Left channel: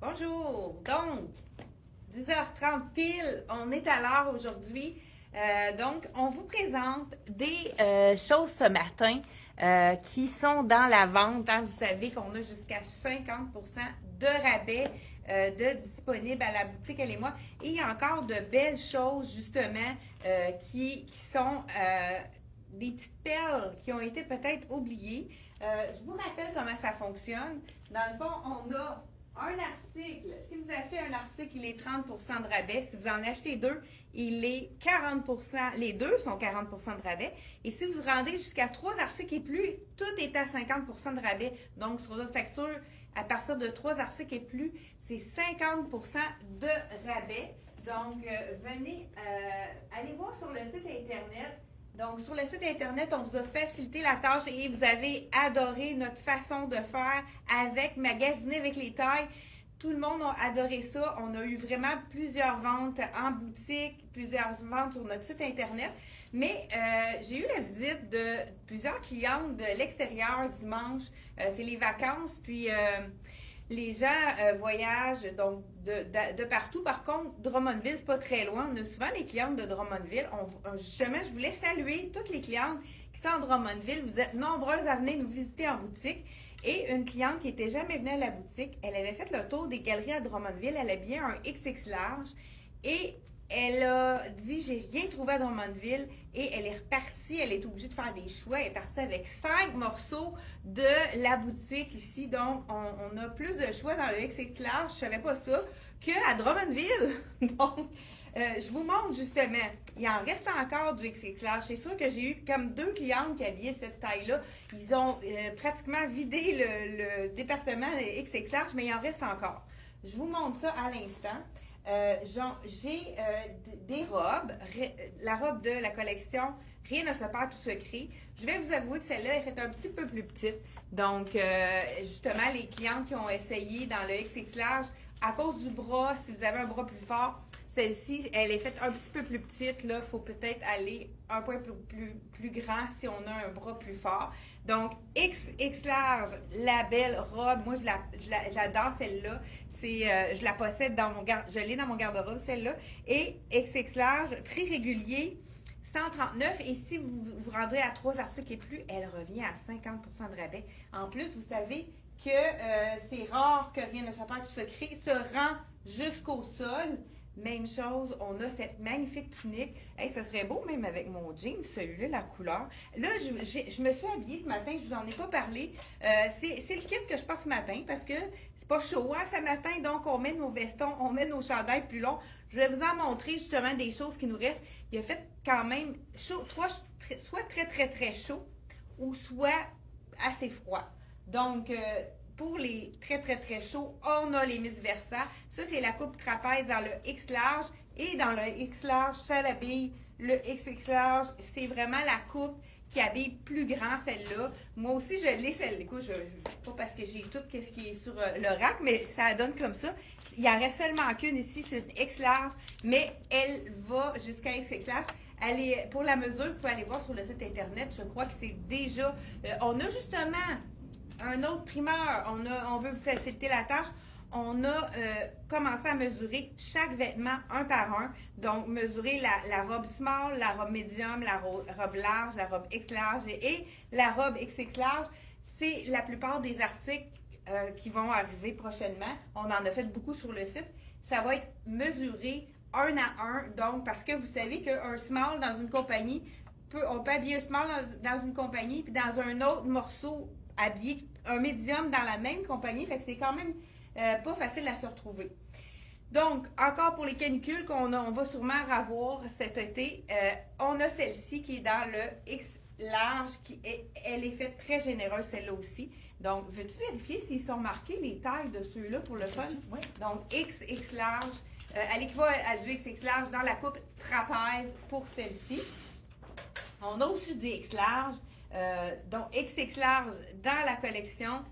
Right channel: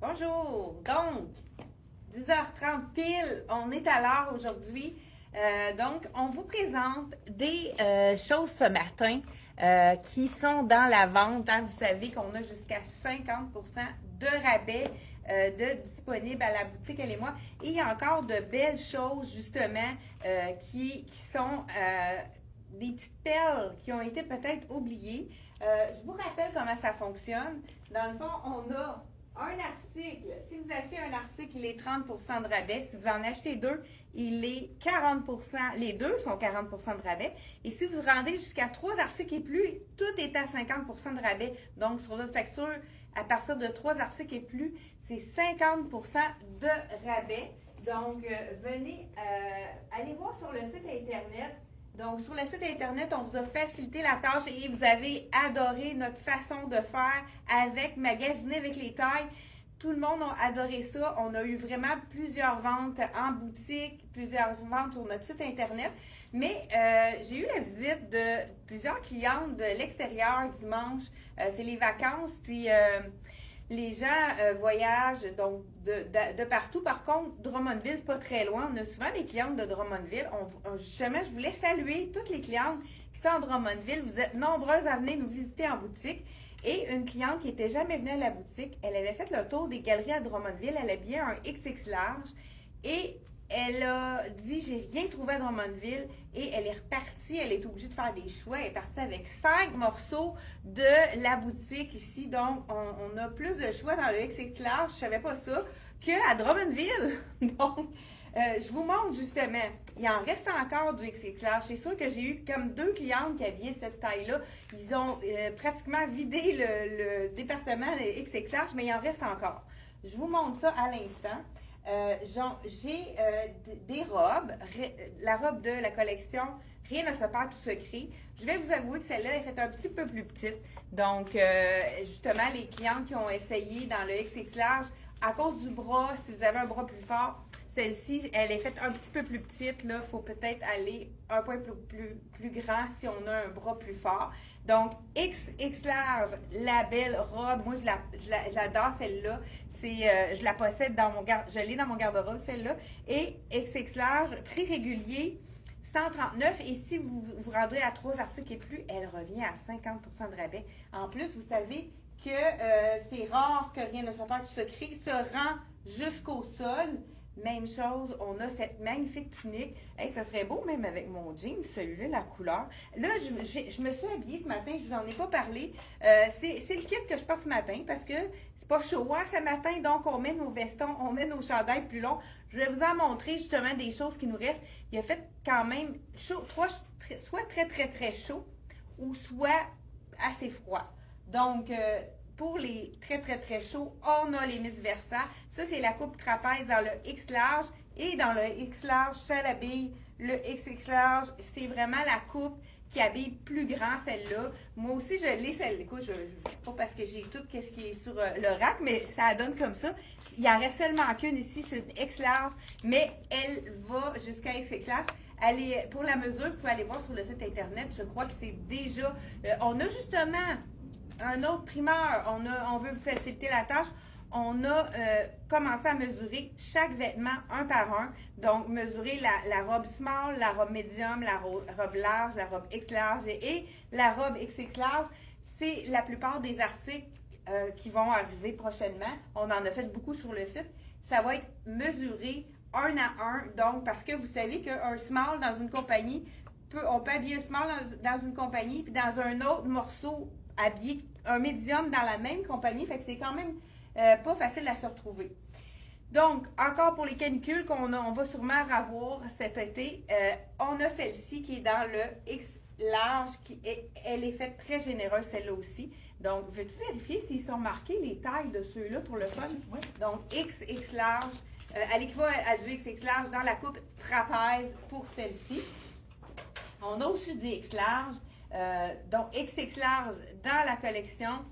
Bonjour! Donc, 10h30 pile, on est à l'heure aujourd'hui. Donc, on vous présente des choses ce matin qui sont dans la vente. Hein. Vous savez qu'on a jusqu'à 50% de rabais de disponibles à la boutique Elle et moi. Et il y a encore de belles choses, justement, qui sont des petites perles qui ont été peut-être oubliées. Je vous rappelle comment ça fonctionne. Dans le fond, on a un article, si vous achetez un article, il est 30% de rabais. Si vous en achetez deux, il est 40%. Les deux sont 40% de rabais. Et si vous rendez jusqu'à 3 articles et plus, tout est à 50% de rabais. Donc, sur votre facture, à partir de 3 articles et plus, c'est 50% de rabais. Donc, venez, allez voir sur le site Internet. Donc, sur le site Internet, on vous a facilité la tâche et vous avez adoré notre façon de faire avec magasiner avec les tailles. Tout le monde a adoré ça. On a eu vraiment plusieurs ventes en boutique, plusieurs ventes sur notre site Internet. Mais j'ai eu la visite de plusieurs clientes de l'extérieur dimanche. C'est les vacances, puis les gens voyagent donc de partout. Par contre, Drummondville, c'est pas très loin. On a souvent des clientes de Drummondville. Justement, je voulais saluer toutes les clientes qui sont en Drummondville. Vous êtes nombreuses à venir nous visiter en boutique. Et une cliente qui n'était jamais venue à la boutique, elle avait fait le tour des galeries à Drummondville. Elle a bien un XX large. Et elle a dit, j'ai rien trouvé à Drummondville, et elle est repartie, elle est obligée de faire des choix, elle est partie avec 5 morceaux de la boutique ici, donc on a plus de choix dans le XX large, je savais pas ça, qu'à Drummondville. Donc, je vous montre justement, il en reste encore du XX large. C'est sûr que j'ai eu comme 2 clientes qui habillaient cette taille-là, ils ont pratiquement vidé le département XX large, mais il en reste encore. Je vous montre ça à l'instant. J'ai des robes, la robe de la collection Rien ne se perd, tout se crée. Je vais vous avouer que celle-là est faite un petit peu plus petite. Donc, justement, les clientes qui ont essayé dans le XX large, à cause du bras, si vous avez un bras plus fort, celle-ci, elle est faite un petit peu plus petite. Là, il faut peut-être aller un peu plus grand si on a un bras plus fort. Donc, XX large, la belle robe, moi, j'adore celle-là. Je la possède je l'ai dans mon garde-robe, celle-là. Et XX large, prix régulier, 139. Et si vous vous rendez à 3 articles et plus, elle revient à 50% de rabais. En plus, vous savez que c'est rare que Rien ne se perd, tout se crée, se rend jusqu'au sol. Même chose, on a cette magnifique tunique. Hey, ça serait beau même avec mon jean, celui-là, la couleur. Là, je me suis habillée ce matin, je vous en ai pas parlé. C'est le kit que je porte ce matin parce que c'est pas chaud hein, ce matin, donc on met nos vestons, on met nos chandails plus longs. Je vais vous en montrer justement des choses qui nous restent. Il a fait quand même chaud, soit très chaud ou soit assez froid. Donc, pour les très chauds, on a les Miss Versa. Ça, c'est la coupe trapèze dans le X large. Et dans le X large, ça l'habille le XX large. C'est vraiment la coupe qui habille plus grand, celle-là. Moi aussi, je l'ai, celle-là. Écoute, pas parce que j'ai tout ce qui est sur le rack, mais ça donne comme ça. Il en reste seulement qu'une ici, c'est une X large, mais elle va jusqu'à XX large. Pour la mesure, vous pouvez aller voir sur le site Internet. Je crois que c'est déjà... on a justement... un autre primeur, on veut vous faciliter la tâche. On a commencé à mesurer chaque vêtement un par un. Donc, mesurer la robe small, la robe medium, la robe large, la robe X large et la robe XX large. C'est la plupart des articles qui vont arriver prochainement. On en a fait beaucoup sur le site. Ça va être mesuré un à un. Donc, parce que vous savez qu'un small dans une compagnie, on peut habiller un small dans une compagnie, puis dans un autre morceau, habiller un médium dans la même compagnie, fait que c'est quand même pas facile à se retrouver. Donc, encore pour les canicules on va sûrement avoir cet été, on a celle-ci qui est dans le X large, elle est faite très généreuse, celle-là aussi. Donc, veux-tu vérifier s'ils sont marqués les tailles de ceux-là pour le fun? Oui. Donc, XX large, elle équivaut à du XX large dans la coupe trapèze pour celle-ci. On a aussi du X large. Donc, XX large dans la collection.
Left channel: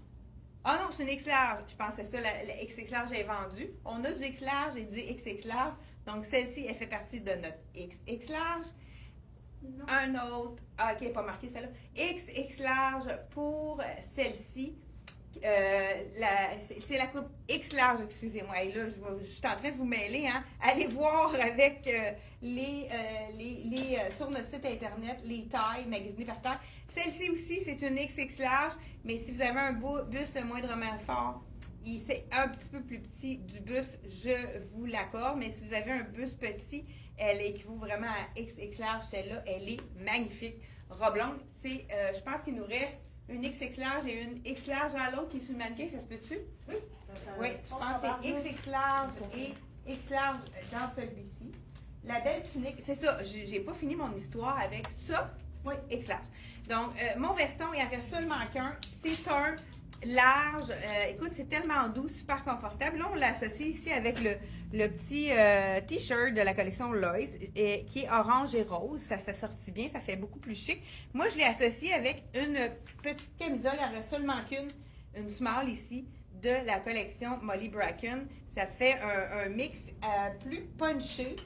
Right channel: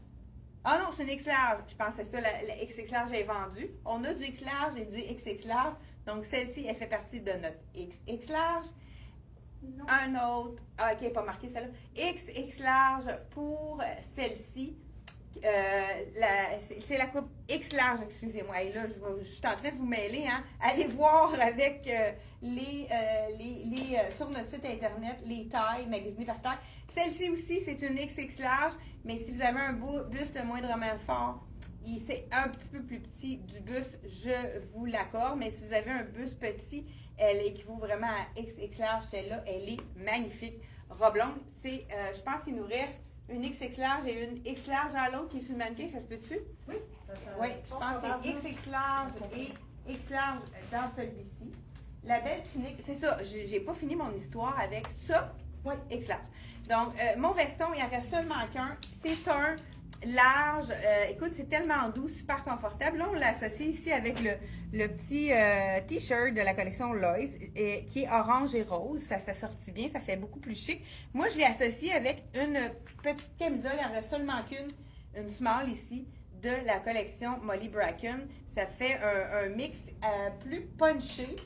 Ah non, c'est une X large. Je pensais ça, la XX large est vendue. On a du X large et du XX large. Donc, celle-ci, elle fait partie de notre XX large. Non. Un autre. Ah, ok, pas marqué celle-là. XX large pour celle-ci, C'est la coupe X large, excusez-moi. Et là, je suis en train de vous mêler. Hein. Allez voir avec sur notre site internet les tailles magasinées par taille. Celle-ci aussi, c'est une XX large, mais si vous avez un buste moindrement fort, c'est un petit peu plus petit du buste, je vous l'accorde. Mais si vous avez un buste petit, elle équivaut vraiment à XX large. Celle-là, elle est magnifique. Robe longue, je pense qu'il nous reste une XX large et une X large à l'autre qui est sur le mannequin, ça se peut-tu? Oui. Oui, je pense que c'est XX large et X large dans celui-ci. La belle tunique, c'est ça, j'ai pas fini mon histoire avec ça. Oui, X large. Donc, mon veston, il en reste seulement qu'un. C'est un large. Écoute, c'est tellement doux, super confortable. Là, on l'associe ici avec le petit t-shirt de la collection Lois, qui est orange et rose. Ça s'assortit bien, ça fait beaucoup plus chic. Moi, je l'ai associé avec une petite camisole. Il en reste seulement qu'une, une small ici, de la collection Molly Bracken. Ça fait un mix plus punché.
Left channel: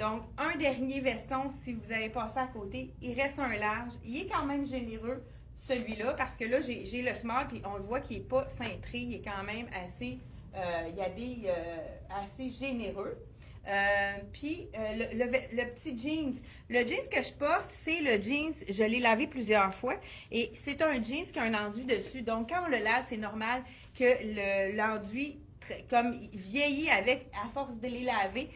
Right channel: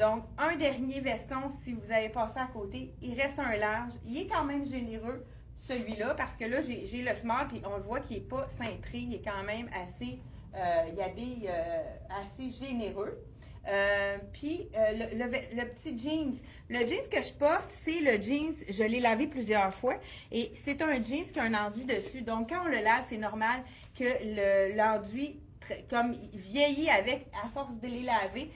Donc, un dernier veston, si vous avez passé à côté, il reste un large. Il est quand même généreux, celui-là, parce que là, j'ai le small, puis on le voit qu'il n'est pas cintré, il est quand même assez, il habille assez généreux. Puis, le petit jeans. Le jeans que je porte, c'est le jeans, je l'ai lavé plusieurs fois, et c'est un jeans qui a un enduit dessus. Donc, quand on le lave, c'est normal que l'enduit, comme vieillit à force de les laver.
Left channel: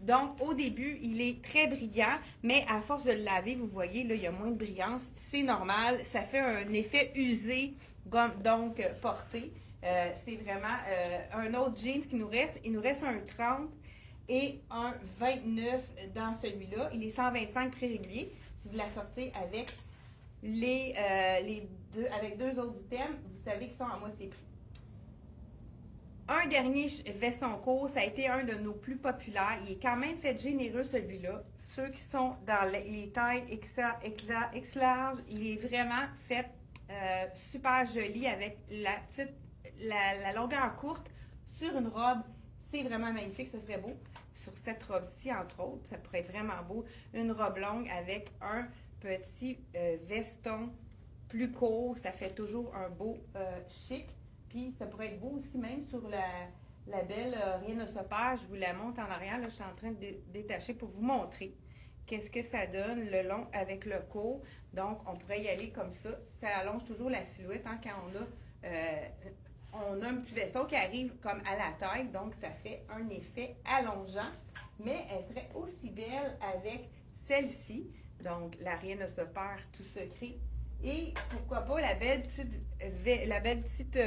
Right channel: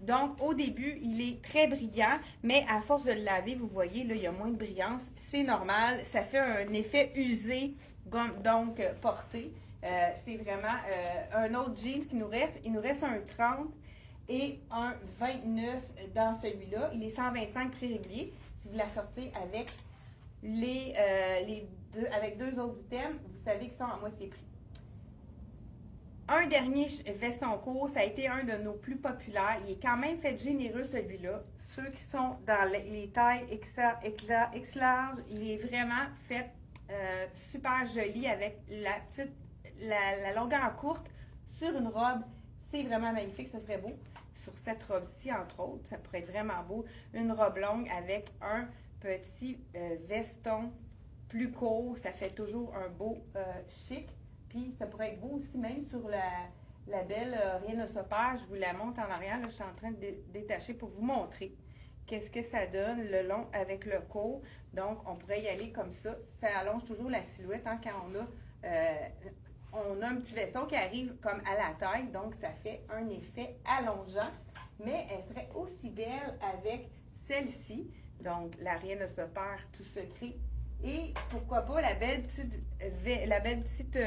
Donc, au début, il est très brillant, mais à force de le laver, vous voyez, là, il y a moins de brillance. C'est normal. Ça fait un effet usé, donc porté. C'est vraiment un autre jeans qui nous reste. Il nous reste un 30 et un 29 dans celui-là. Il est 125 prix régulier. Si vous la sortez avec avec deux autres items, vous savez qu'ils sont à moitié prix. Un dernier veston court, ça a été un de nos plus populaires. Il est quand même fait généreux, celui-là. Ceux qui sont dans les tailles X large, il est vraiment fait super joli avec la longueur courte sur une robe. C'est vraiment magnifique, ce serait beau. Sur cette robe-ci, entre autres, ça pourrait être vraiment beau. Une robe longue avec un petit veston plus court, ça fait toujours un beau chic. Puis ça pourrait être beau aussi même sur la belle rhinocéros. Je vous la montre en arrière. Là, je suis en train de détacher pour vous montrer qu'est-ce que ça donne le long avec le court. Donc, on pourrait y aller comme ça. Ça allonge toujours la silhouette hein, quand on a un petit veston qui arrive comme à la taille. Donc, ça fait un effet allongeant. Mais elle serait aussi belle avec celle-ci. Donc, la rhinocéros tout secret. Et pourquoi pas la belle petite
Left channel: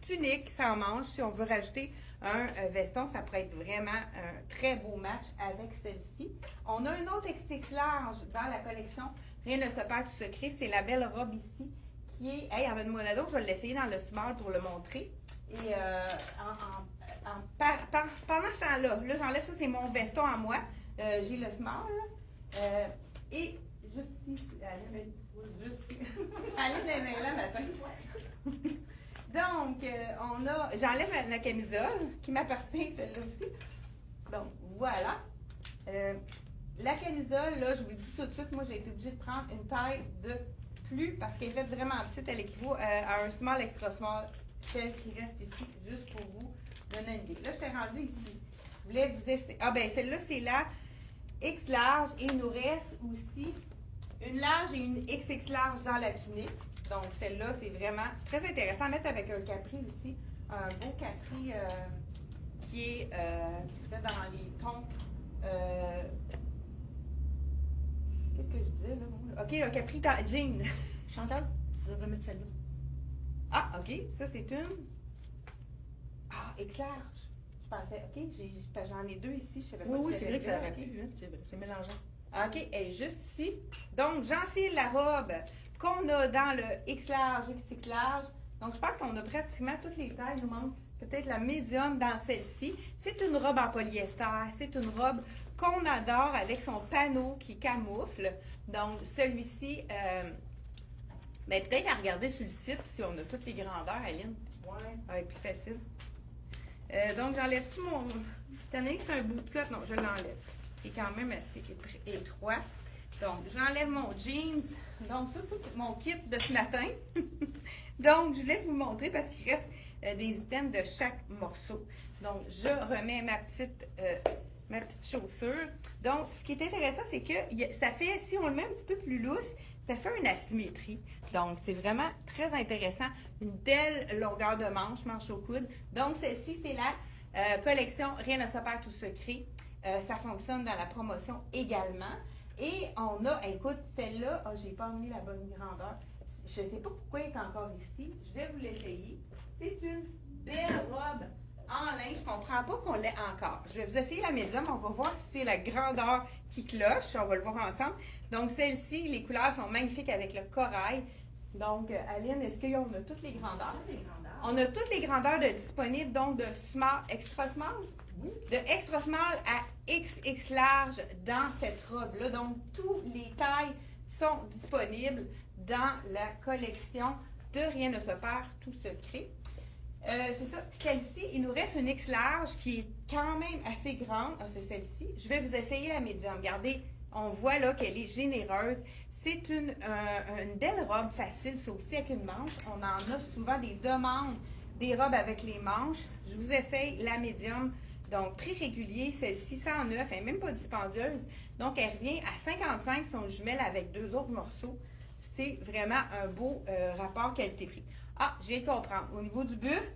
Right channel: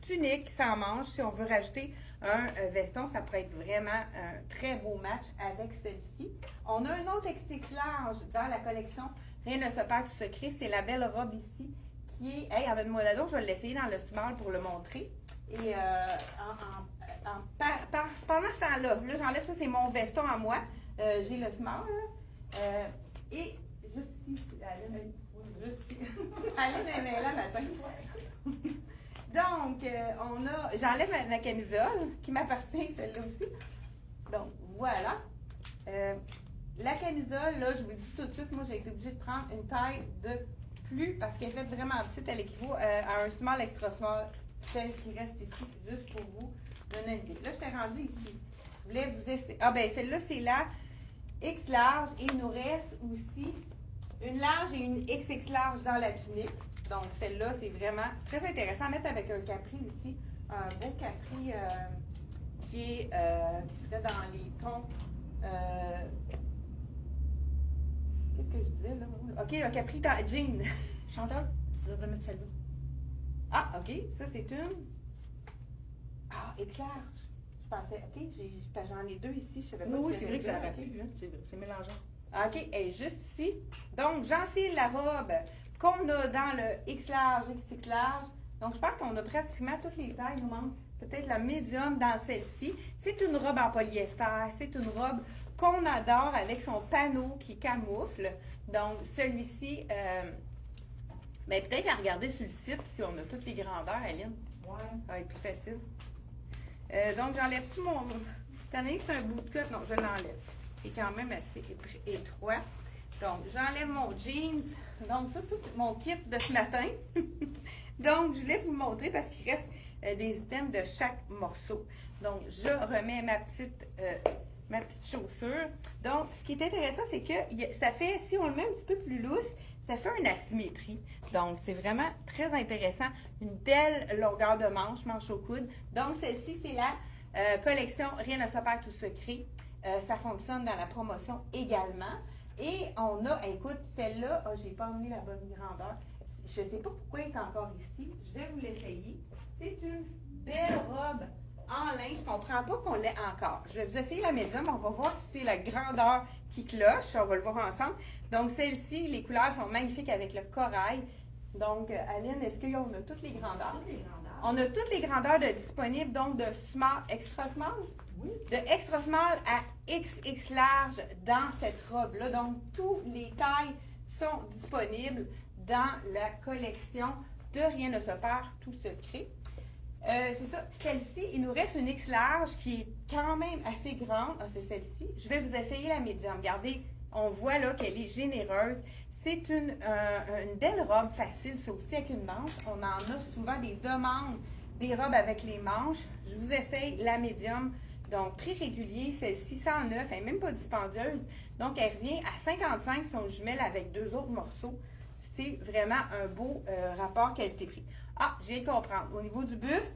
tunique sans manche. Si on veut rajouter un veston, ça pourrait être vraiment un très beau match avec celle-ci. On a un autre XX large dans la collection. Rien ne se perd tout secret. C'est la belle robe ici qui est... Hey, amène-moi la d'autre. Je vais l'essayer dans le small pour le montrer. Et pendant ce temps-là, j'enlève ça, c'est mon veston à moi. J'ai le small. Et juste ici, Aline est là matin. Donc, j'enlève ma camisole qui m'appartient, celle-là aussi. Donc, voilà. La camisole, là, je vous le dis tout de suite, moi, j'ai été obligée de prendre une taille de plus parce qu'elle est faite vraiment petite. Elle équivaut à un small extra small, celle qui reste ici, juste pour vous donner une idée. Là, je suis rendue ici. Je voulais vous essayer. Ah, ben, celle-là, c'est la X large. Et il nous reste aussi une large et une XX large dans la tunique. Donc, celle-là, c'est vraiment très intéressant à mettre avec un capri aussi. Un beau capri qui serait dans les tons. Qu'est-ce que je disais là? OK, un capri jean. Chantal, tu devrais mettre celle-là. Ah, OK, ça c'est une. Ah, X large. Je pensais, OK, j'en ai deux ici. Je savais pas Oui, si c'est vrai que ça avait aurait pu, hein, c'est mélangeant. OK, elle est juste ici. Donc, j'enfile la robe qu'on a dans le X large, XX large. Donc, je pense qu'on a pratiquement toutes les tailles. Il nous manque peut-être la médium dans celle-ci. C'est une robe en polyester. C'est une robe qu'on adore avec son panneau qui camoufle. Donc, celui-ci, ben, peut-être à regarder sur le site si on a toutes les grandeurs, Aline. Ouais. Ça va être plus facile. Donc, j'enlève-tu mon... Étant donné que c'est un bout de cote, non, je l'enlève. C'est quand même assez étroit. Donc, j'enlève mon jeans. Donc, ça, c'est mon kit de ce matin. Donc, je voulais vous montrer parce qu'il reste des items de chaque morceau. Donc, je remets ma petite chaussure. Donc, ce qui est intéressant, c'est que ça fait, si on le met un petit peu plus lousse, ça fait une asymétrie. Donc, c'est vraiment très intéressant. Une belle longueur de manche au coude. Donc, celle-ci, c'est la collection Rien ne se perd, tout se crée. Ça fonctionne dans la promotion également. Et on a, écoute, celle-là, j'ai pas emmené la bonne grandeur. Je ne sais pas pourquoi elle est encore ici. Je vais vous l'essayer. C'est une belle robe en lin. Je ne comprends pas qu'on l'ait encore. Je vais vous essayer la médium. On va voir si c'est la grandeur qui cloche. On va le voir ensemble. Donc, celle-ci, les couleurs sont magnifiques avec le corail. Donc, Aline, est-ce qu'on a toutes les grandeurs? Toutes les grandeurs. On a toutes les grandeurs de disponibles, donc de small, extra small? Oui. De extra small à XX large dans cette robe-là. Donc, toutes les tailles sont disponibles dans la collection de Rien ne se perd, tout se crée. C'est ça. Celle-ci, il nous reste une X large qui est quand même assez grande. Ah, c'est celle-ci. Je vais vous essayer la médium. Regardez, on voit là qu'elle est généreuse. C'est une belle robe facile, ça aussi avec une manche. On en a souvent des demandes, des robes avec les manches. Je vous essaye la médium. Donc, prix régulier, celle-ci 109, elle n'est même pas dispendieuse. Donc, elle revient à 55 si on jumelle avec deux autres morceaux. C'est vraiment un beau rapport qualité-prix. Ah, je viens de comprendre. Au niveau du buste,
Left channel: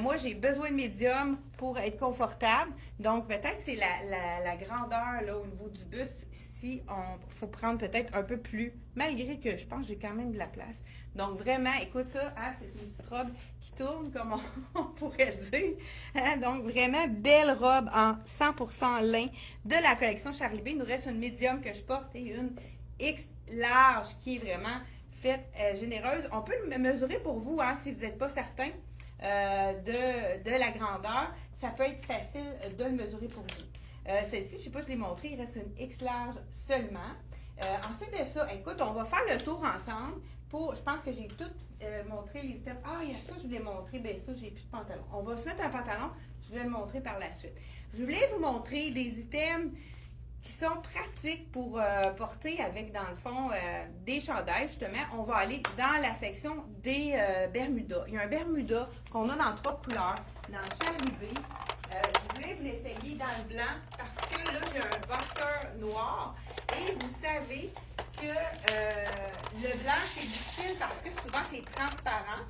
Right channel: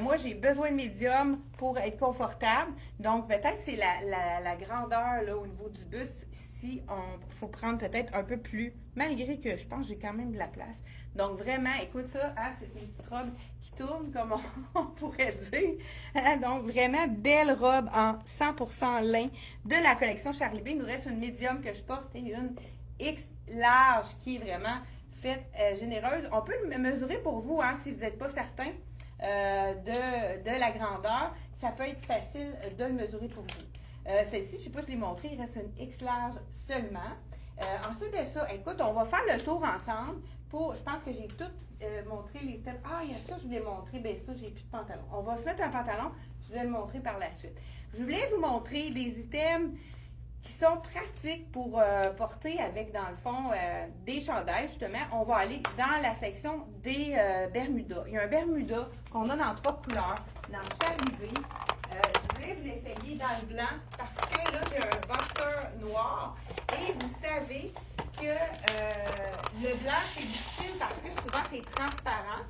moi, j'ai besoin de médium pour être confortable. Donc, peut-être c'est la grandeur là, au niveau du buste. Si on faut prendre peut-être un peu plus, malgré que je pense que j'ai quand même de la place. Donc, vraiment, écoute ça, hein, c'est une petite robe qui tourne, comme on pourrait dire. Hein, donc, vraiment belle robe en 100% lin de la collection Charlie B. Il nous reste une médium que je porte et une X large qui est vraiment faite généreuse. On peut le mesurer pour vous, hein, si vous n'êtes pas certain de la grandeur. Ça peut être facile de le mesurer pour vous. Celle-ci, je ne sais pas, je l'ai montré, il reste une X large seulement. Ensuite de ça, écoute, on va faire le tour ensemble. Je pense que j'ai tout montré les steps. Ah, il y a ça, je voulais montrer. Bien, ça, j'ai plus de pantalon. On va se mettre un pantalon. Je vais le montrer par la suite. Je voulais vous montrer des items qui sont pratiques pour porter avec, dans le fond, des chandails, justement. On va aller dans la section des Bermudas. Il y a un Bermuda qu'on a dans 3 couleurs, dans le Charlie B. Je voulais vous l'essayer dans le blanc parce que là, j'ai un boxer noir et vous savez que le blanc, c'est difficile parce que souvent, c'est transparent.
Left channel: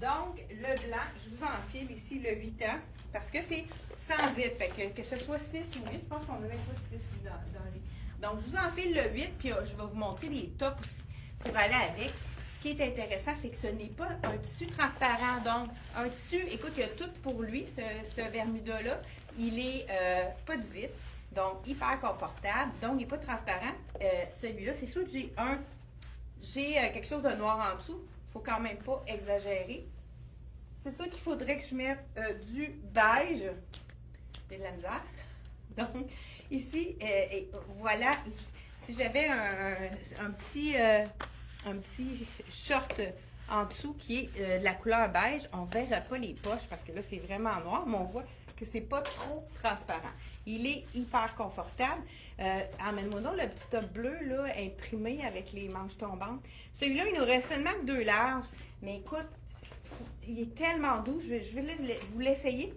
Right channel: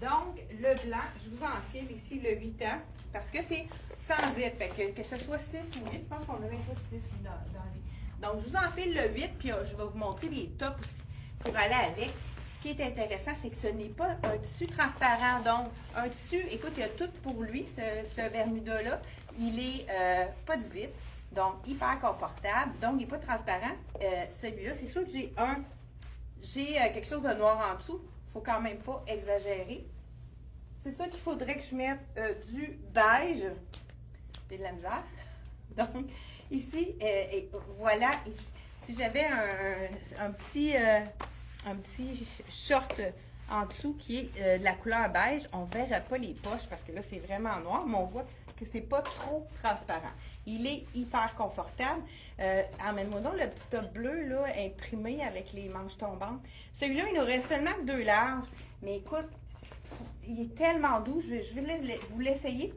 Donc, le blanc, je vous enfile ici le 8 ans parce que c'est sans zip. Que ce soit 6 ou 8, je pense qu'on n'avait pas de 6 dans les... Donc, je vous enfile le 8 puis je vais vous montrer des tops aussi pour aller avec. Ce qui est intéressant, c'est que ce n'est pas un tissu transparent. Donc, un tissu, écoute, il y a tout pour lui, ce Bermuda-là. Il est pas de zip, donc hyper confortable. Donc, il n'est pas transparent. Celui-là, c'est sûr que j'ai quelque chose de noir en dessous. Il ne faut quand même pas exagérer. C'est ça qu'il faudrait que je mette du beige. C'est de la misère. Donc, ici, voilà, si j'avais un petit short en dessous qui est de la couleur beige, on ne verra pas les poches parce que là, c'est vraiment noir, mais on voit que c'est pas trop transparent. Il est hyper confortable. Emmène-moi donc le petit top bleu là, imprimé avec les manches tombantes. Celui-là, il nous reste seulement que 2 larges. Mais écoute, il est tellement doux. Je vais vous l'essayer.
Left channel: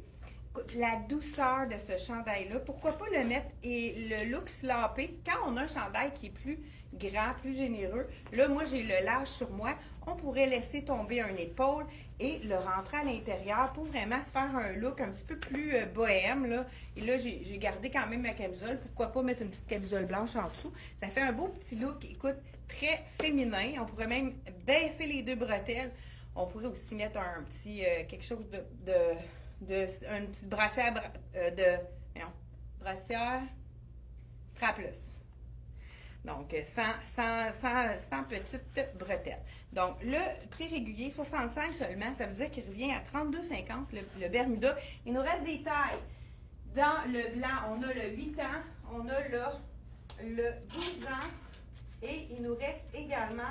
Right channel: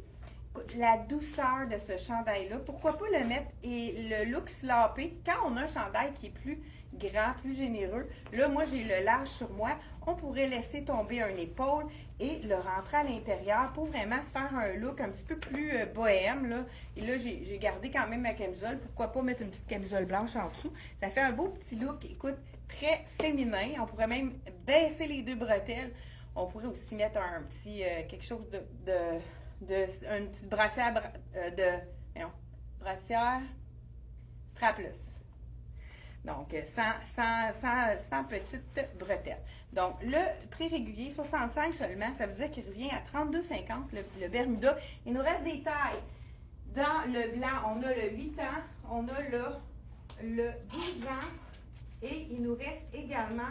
La douceur de ce chandail-là, pourquoi pas le mettre et le look slapé quand on a un chandail qui est plus grand, plus généreux. Là, moi, j'ai le large sur moi. On pourrait laisser tomber un épaule et le rentrer à l'intérieur pour vraiment se faire un look un petit peu plus bohème. Là. Et là, j'ai gardé quand même ma camisole. Pourquoi pas mettre une petite camisole blanche en dessous. Ça fait un beau petit look, écoute, très féminin. On pourrait même baisser les 2 bretelles. On pourrait aussi mettre un petit, quelque chose une petite brassière brassière strapless. Donc, sans petite bretelle. Donc, le prix régulier, 65 seulement, ça veut dire qu'il revient à 32,50 le Bermuda. Il nous reste des tailles. Dans le blanc, on a le 8 ans, on a le 12 ans et il nous reste également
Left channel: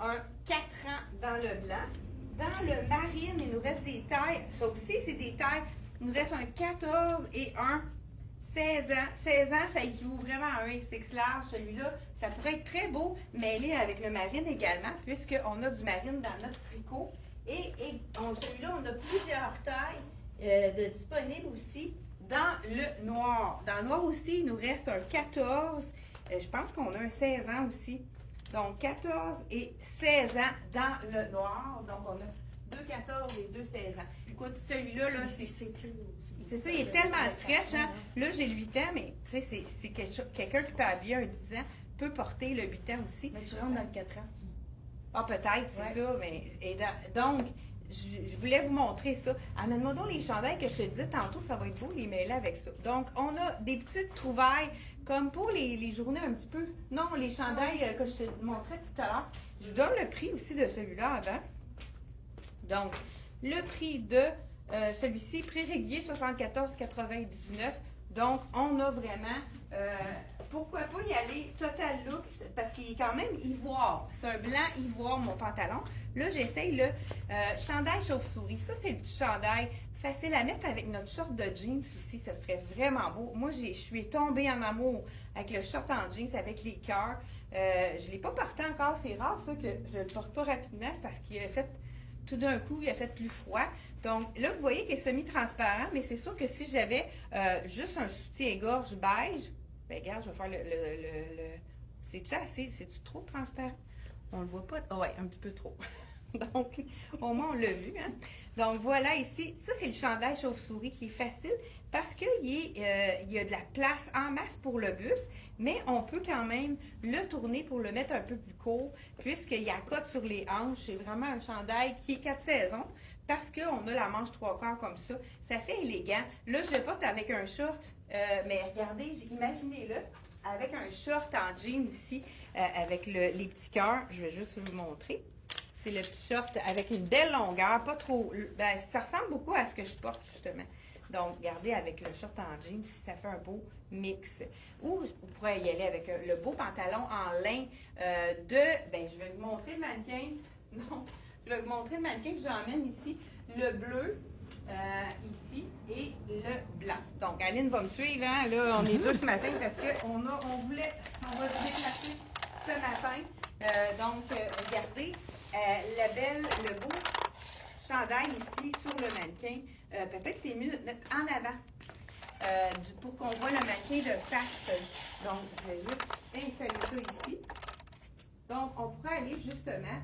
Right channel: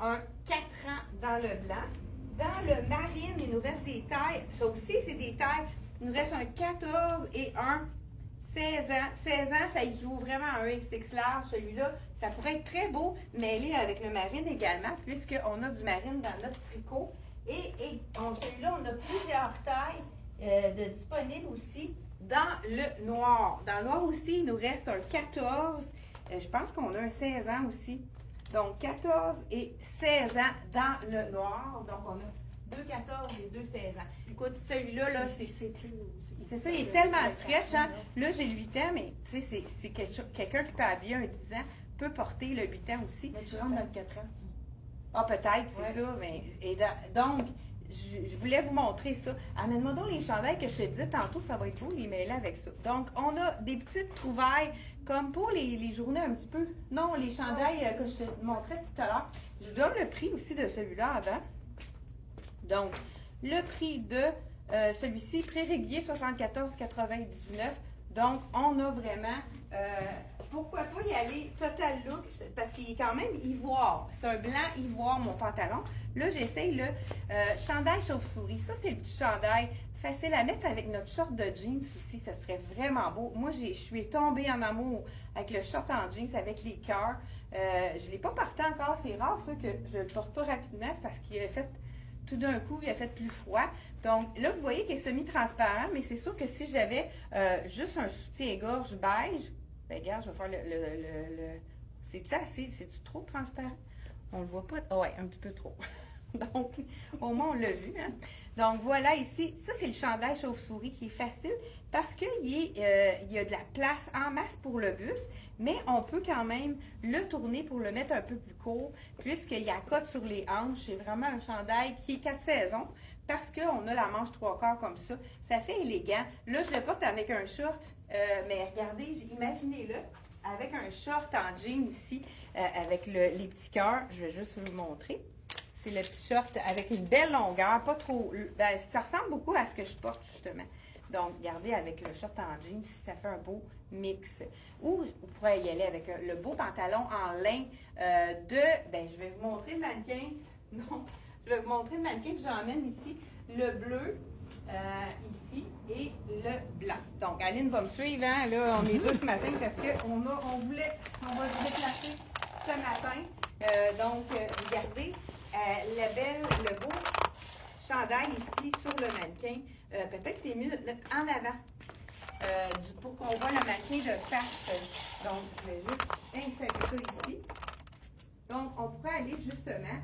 un 4 ans dans le blanc. Dans le marine, il nous reste des tailles. Ça aussi, c'est des tailles. Il nous reste un 14 et un 16 ans. 16 ans, ça équivaut vraiment à un XX large. Celui-là, ça pourrait être très beau, mêlé avec le marine également, puisqu'on a du marine dans notre tricot. Et celui-là, on a plusieurs tailles de disponibles aussi dans le noir. Dans le noir aussi, il nous reste un 14. Je pense qu'on a un 16 ans aussi. Donc, 14 et 16 ans dans le noir. Donc, on a 2 14 et 2 16 ans. Écoute, celui-là, là, c'est ça, il est tellement stretch. Hein? Là, j'ai le 8 ans, mais tu sais, c'est quelqu'un qui peut habiller un 10 ans, peut porter le 8 ans aussi. Mais tu rentres dans le 4 ans. Ah, peut-être, c'est ça. Mais, donc, je voulais vous montrer ça. Amène-moi donc les chandails que je te disais tantôt, ça va être beau, les mêler avec ça. Donc, on a des petites trouvailles, comme pour les journées un petit peu. Non, les chandails que je te montrais tout à l'heure. Je vous donne le prix aussi de celui-là avant. Donc, le prix de celui-ci, prix régulier 74,99. Donc, on a vraiment, pourquoi pas y aller total look, parce qu'il est quand même ivoire. C'est un blanc ivoire, mon pantalon. Là, j'essaye le chandail chauve-souris. Ça, c'est le petit chandail facile à mettre avec notre short de jeans aussi. Ça serait vraiment beau. Moi, je suis tombée en amour avec le short en jeans, avec les cœurs. Je ne l'ai pas porté encore. C'est rare, ça, que je ne le porte pas rapidement. C'est parce qu'il a fait, tout d'un coup, il a fait plus froid. Donc, là, vous voyez qu'il est semi-transparent, mais c'est sûr que si j'avais juste un soutien-gorge beige, ben regarde, je vais faire le c'est-tu assez? C'est-tu trop transparent? On le voit pas? Ah ouais, un petit peu trop. Donc, au moins, on l'a vu. Hein? Donc, voilà ici. Ça, c'est le chandail chauve-souris qui est facile parce qu'il y a de la place en masse pour le buste, mais on peut quand même le tourner pour le mettre un peu plus court puisqu'il y a cote sur les hanches. C'est vraiment un chandail qui est 4 saisons parce qu'on a la manche 3/4 comme ça. Ça fait élégant. Là, je le porte avec un short, mais regardez, imaginez-le, avec un short en jean ici, avec les petits cœurs. Je vais juste vous le montrer. C'est le petit short avec une belle longueur, pas trop. Ben, ça ressemble beaucoup à ce que je porte, justement. Donc, regardez, avec le short en jeans, ça fait un beau mix. Ou vous pourrez y aller avec le beau pantalon en lin ben, je vais vous montrer le mannequin. Non, je vais vous montrer le mannequin, puis j'emmène ici le bleu, ici, et le blanc. Donc, Aline va me suivre, hein? Là, on est deux ce matin parce qu'on va se déplacer ce matin. Donc, regardez, le beau chandail ici sur le mannequin. Peut-être les mieux de mettre en avant pour qu'on voit le mannequin de face. Donc, je vais juste insérer ça ici. Donc, on pourrait aller justement,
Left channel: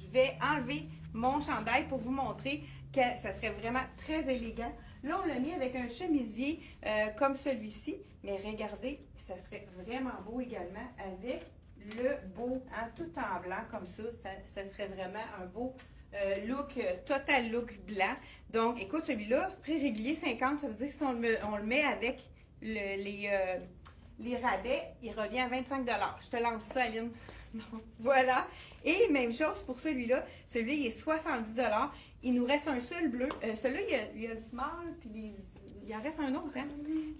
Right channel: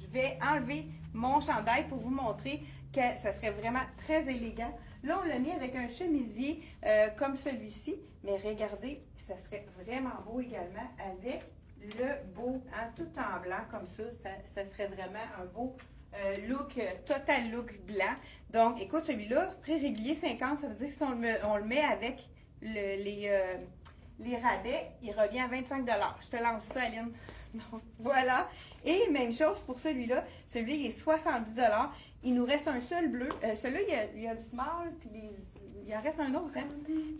je vais enlever mon chandail pour vous montrer que ça serait vraiment très élégant. Là, on l'a mis avec un chemisier comme celui-ci, mais regardez, ça serait vraiment beau également avec le beau, hein, tout en blanc comme ça, ça serait vraiment un beau look, total look blanc. Donc, écoute, celui-là, prix régulier 50, ça veut dire que si on le met avec les rabais, il revient à 25 $. Je te lance ça, Aline. Donc, voilà. Et même chose pour celui-là. Celui-là, il est 70 $. Il nous reste un seul bleu. Celui-là, il y a le small, puis il en reste un autre. Hein?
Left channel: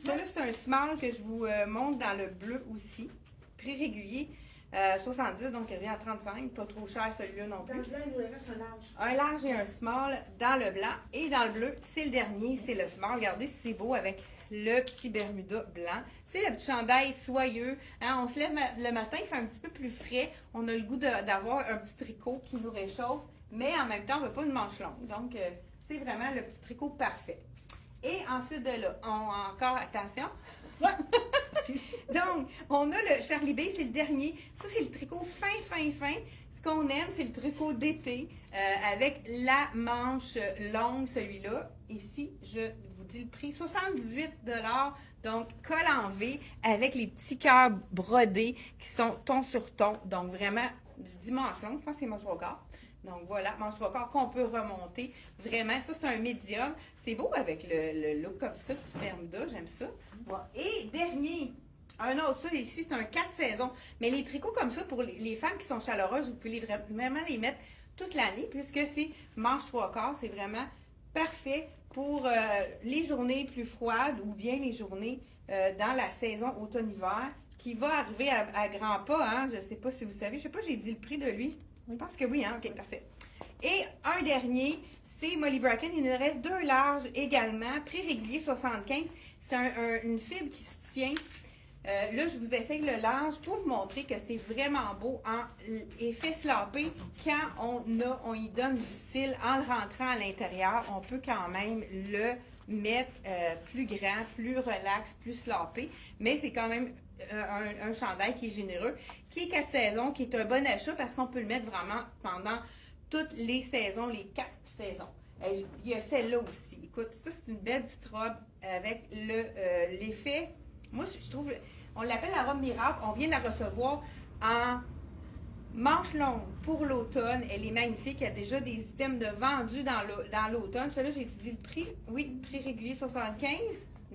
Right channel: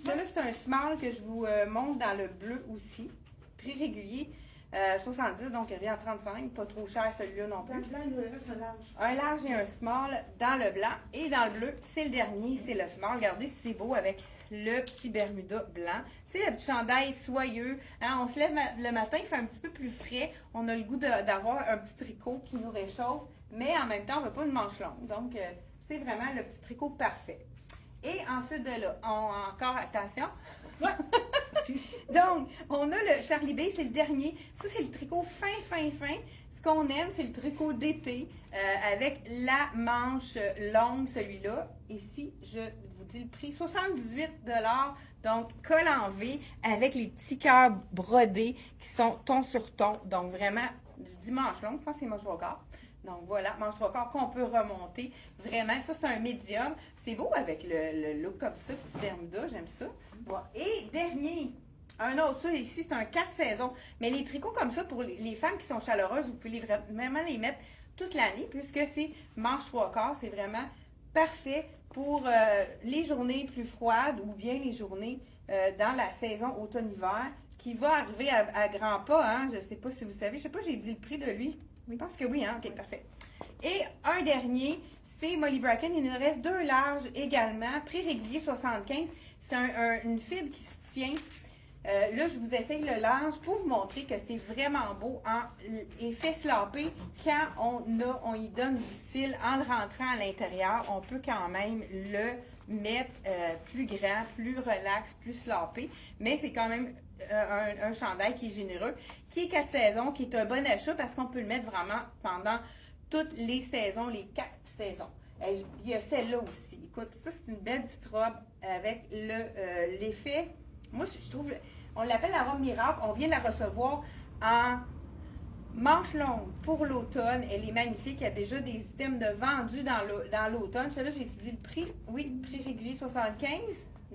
Celui-là, c'est un small que je vous montre dans le bleu aussi. Prix régulier. 70, donc il revient à 35, pas trop cher celui-là non plus. Dans le blanc, il nous reste un large. Un large et un small dans le blanc. Et dans le bleu, c'est le dernier, c'est le small. Regardez si c'est beau avec le petit Bermuda blanc. C'est le petit chandail soyeux. Hein, on se lève le matin, il fait un petit peu plus frais. On a le goût d'avoir un petit tricot qui nous réchauffe, mais en même temps, on ne veut pas une manche longue. Donc, c'est vraiment le petit tricot parfait. Et ensuite de là, encore attention. Donc, on a le Charlie B, c'est le dernier. Ça, c'est le tricot fin. Ce qu'on aime, c'est le tricot d'été avec la manche longue, celui-là. Ici, je vous dis le prix, 78 $. Donc, col en V avec les petits cœurs brodés qui sont ton sur ton. Donc, vraiment, du dimanche long, je pense que c'est manche 3/4. Donc, voilà, manche 3/4 qu'on peut remonter. Vraiment, ça, c'est un médium. C'est beau avec le look comme ça, petit Bermuda, j'aime ça. Voilà. Et dernier, un autre, ça ici, c'est un 4 saisons. Mais les tricots comme ça, pour les femmes qui sont chaleureuses, vous pouvez vraiment les mettre toute l'année, puisque c'est manche 3/4. C'est vraiment parfait pour les journées plus froides ou bien les journées dans la saison automne-hiver, qui va arriver à grands pas. Hein? Je ne sais pas si vous savez, je ne sais pas, j'ai dit le prix de lui. Je pense que oui, hein? OK, parfait. Et un dernier, c'est Molly Bracken. Il nous reste 2 larges également. Prix régulier 75. C'est une fibre qui se tient. Là, je vous essaye le large pour vous montrer que c'est vraiment beau en effet slopé. Quand on y donne du style en le rentrant à l'intérieur, on peut quand même le mettre plus grand, plus relax, plus slopé. Mais c'est quand même un chandail qui est généreux, qui est 4 saisons, qui est un bon achat parce qu'on peut le mettre vraiment pendant toutes les saisons, les 4 saisons. Il y a celle-là aussi. Écoute, ça, c'est une belle petite robe avec l'effet. Moi, je trouve, on l'appelle la robe miracle. On vient de la recevoir en manche longue pour l'automne. Elle est magnifique. Il y a déjà des items de vendus dans l'automne. Celle-là, j'ai étudié le prix. Oui, prix régulier 75.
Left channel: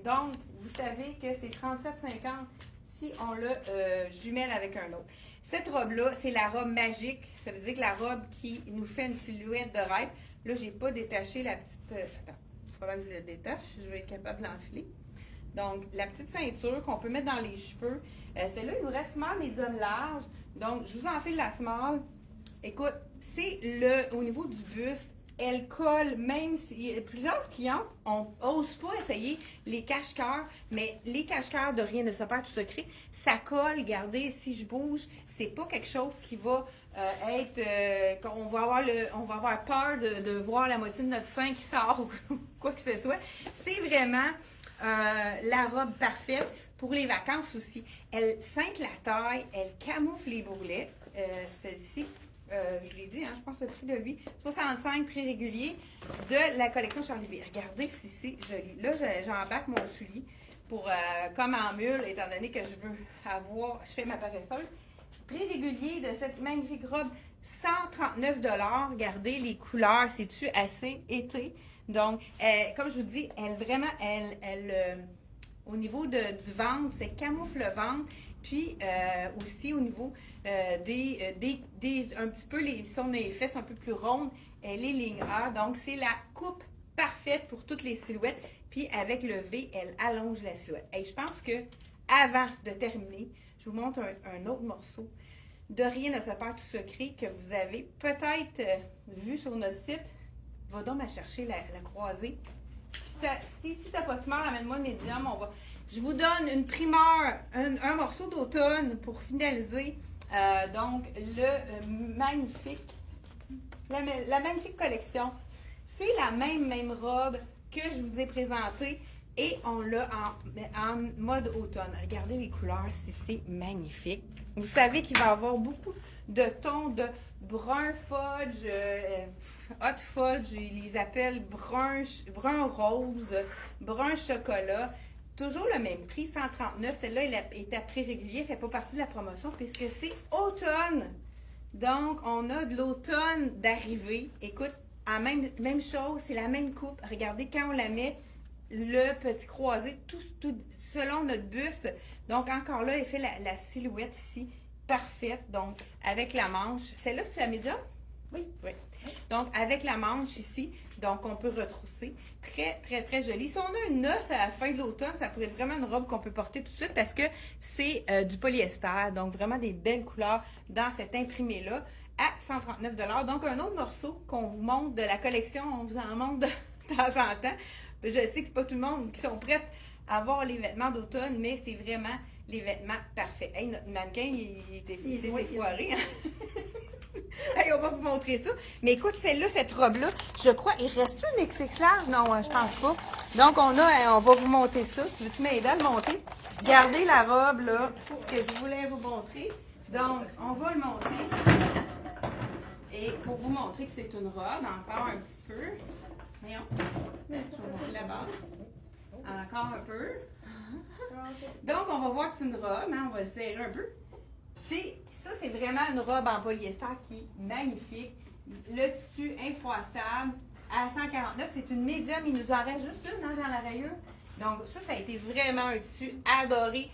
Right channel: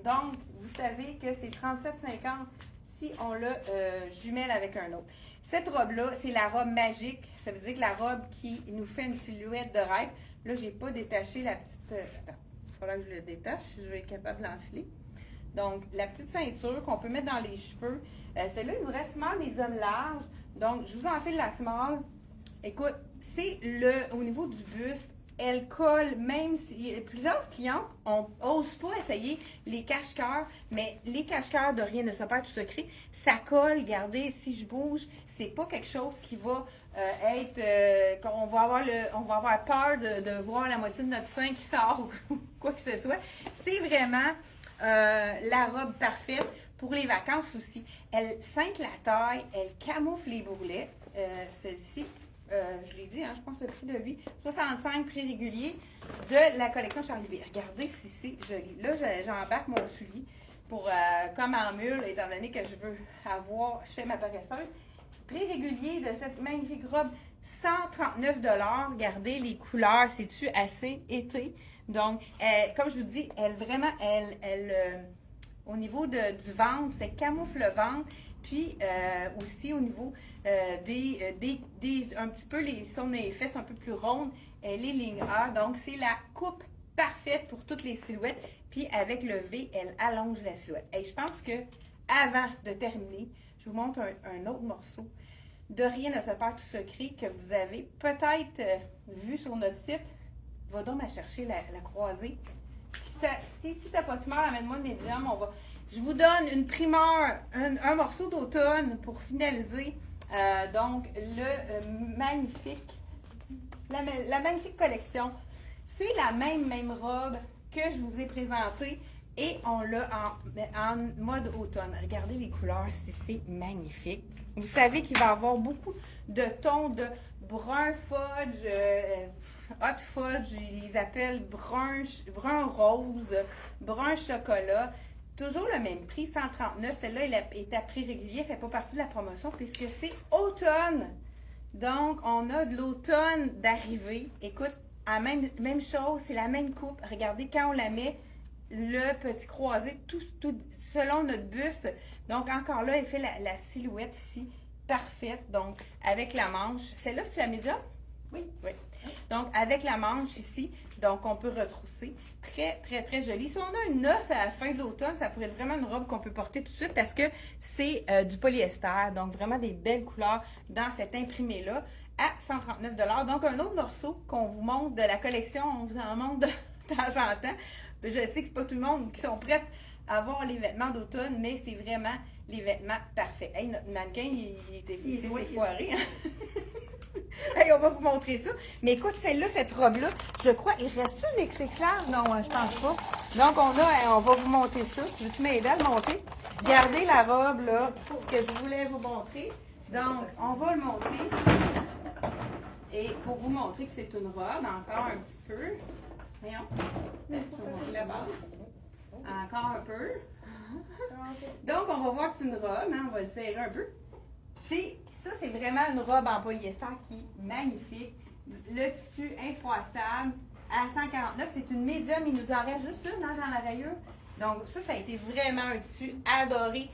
Donc, vous savez que c'est 37,50 si on le jumelle avec un autre. Cette robe-là, c'est la robe magique. Ça veut dire que la robe qui nous fait une silhouette de rêve. Là, j'ai pas détaché la petite... Attends, il faudra que je le détache. Je vais être capable de l'enfiler. Donc, la petite ceinture qu'on peut mettre dans les cheveux. Celle-là, il nous reste small, médium, large. Donc, je vous enfile la small. Écoute, c'est au niveau du buste, elle colle, même si plusieurs clients n'osent pas essayer les cache-cœurs, mais les cache-cœurs de Rien ne se perd tout secret, ça colle, regardez, si je bouge, c'est pas quelque chose qui va qu'on va avoir peur de voir la moitié de notre sein qui sort ou quoi que ce soit. C'est vraiment la robe parfaite pour les vacances aussi. Elle ceinte la taille, elle camoufle les bourrelets. Celle-ci, je l'ai dit, hein, je pense que le prix de lui, 65 prix régulier de la collection Charlie B. Regardez si c'est joli. Là, j'embarque mon soulier pour comme en mule, étant donné que je veux je fais ma paresseuse. Prix régulier de cette magnifique robe, 139 $. Regardez les couleurs, c'est-tu assez été? Donc, comme je vous dis, au niveau du ventre, c'est camoufle le ventre. Puis aussi au niveau un petit peu les fesses un peu plus rondes, elle est ligne A. Donc, c'est la coupe parfaite pour toutes les silhouettes. Puis avec le V, elle allonge la silhouette. Et je pense que avant de terminer, je vous montre un autre morceau de Rien ne se perd tout secret que vous avez peut-être vu sur notre site. Va donc à chercher la croisée. Si tu n'as pas de smart, amène-moi le médium. Je vous donne une primeur, un morceau d'automne pour finaliser. Donc, la magnifique collection. C'est la même robe que je vous ai présentée et on l'a en mode automne. Regardez les couleurs, c'est magnifique. Vous savez qu'il va y avoir beaucoup de tons de brun fudge, hot fudge, ils les appellent brun rose, brun chocolat. Toujours le même prix, 139. Celle-là, elle est à prix régulier, elle ne fait pas partie de la promotion puisque c'est automne. Donc, on a de l'automne d'arrivée. Écoute, même chose, c'est la même coupe. Regardez, quand on la met, le petit croisé, tout selon notre buste. Donc, encore là, elle fait la silhouette ici, parfaite. Donc, avec la manche. Celle-là, c'est la médium? Oui. Donc, avec la manche ici, donc on peut retrousser. Très, très, très jolie. Si on a une noce à la fin de l'automne, ça pourrait être vraiment une robe qu'on peut porter tout de suite parce que c'est du polyester. Donc, vraiment des belles couleurs dans cet imprimé-là à 139 $. Donc, un autre morceau qu'on vous montre de la collection, on vous en montre de temps en temps. Je sais que c'est pas tout le monde qui sont prêts à avoir les vêtements d'automne, mais c'est vraiment les vêtements parfaits. Hey, notre mannequin, il était foiré. Hey, on va vous montrer ça. Mais écoute, celle-là, cette robe-là, je crois, il reste une XX large? Non, je pense pas. Donc, on va vous monter ça. Tu veux-tu m'aider à le monter? Regardez la robe, là, pour que je voulais vous montrer. Donc, on va le monter. Et pour vous montrer que c'est une robe, encore un petit peu. Voyons. Je vais montrer la base. Encore un peu. Donc, on va voir que c'est une robe. Hein, on va le serrer un peu. Ça, c'est vraiment une robe en polyester qui est magnifique. Le tissu infroissable à 149. C'est une médium. Il nous en reste juste une hein, dans la rayure. Donc, ça a été vraiment un tissu adoré.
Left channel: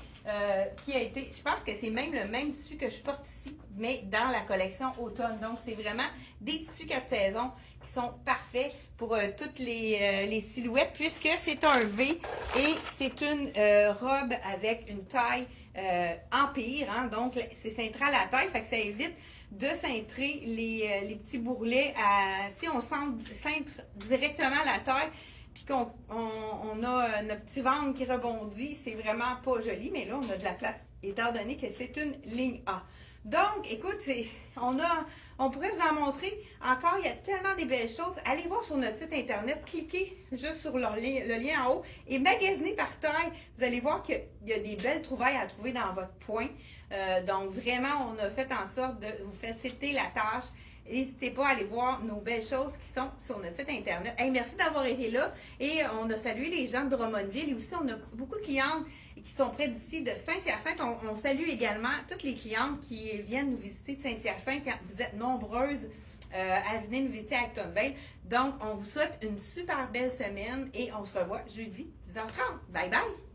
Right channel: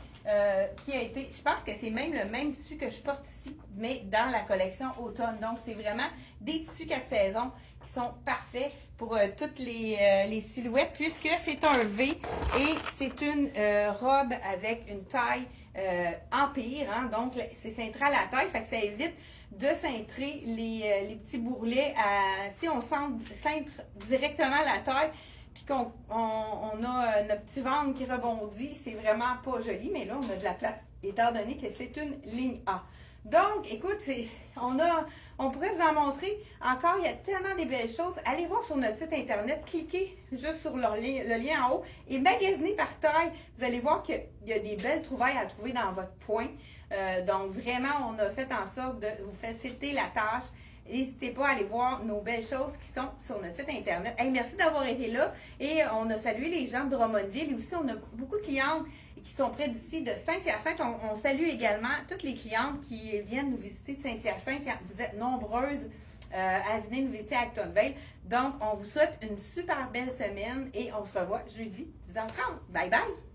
Qui a été, je pense que c'est même le même tissu que je porte ici, mais dans la collection automne. Donc, c'est vraiment des tissus 4 saisons qui sont parfaits pour toutes les silhouettes, puisque c'est un V et c'est une robe avec une taille empire. Hein, donc, c'est central à la taille, fait que ça évite de cintrer les petits bourrelets. Si on cintre directement la taille, puis qu'on on a notre petit ventre qui rebondit, c'est vraiment pas joli, mais là, on a de la place, étant donné que c'est une ligne A. Donc, écoute, on pourrait vous en montrer encore, il y a tellement de belles choses. Allez voir sur notre site internet, cliquez juste sur le lien en haut et magasinez par taille. Vous allez voir qu'il y a des belles trouvailles à trouver dans votre point. Donc, vraiment, on a fait en sorte de vous faciliter la tâche. N'hésitez pas à aller voir nos belles choses qui sont sur notre site internet. Hey, merci d'avoir été là. Et on a salué les gens de Drummondville. Et aussi, on a beaucoup de clientes qui sont près d'ici de Saint-Hyacinthe. On salue également toutes les clientes qui viennent nous visiter de Saint-Hyacinthe. Vous êtes nombreuses à venir nous visiter à Actonville. Donc, on vous souhaite une super belle semaine et on se revoit jeudi 10h30. Bye bye!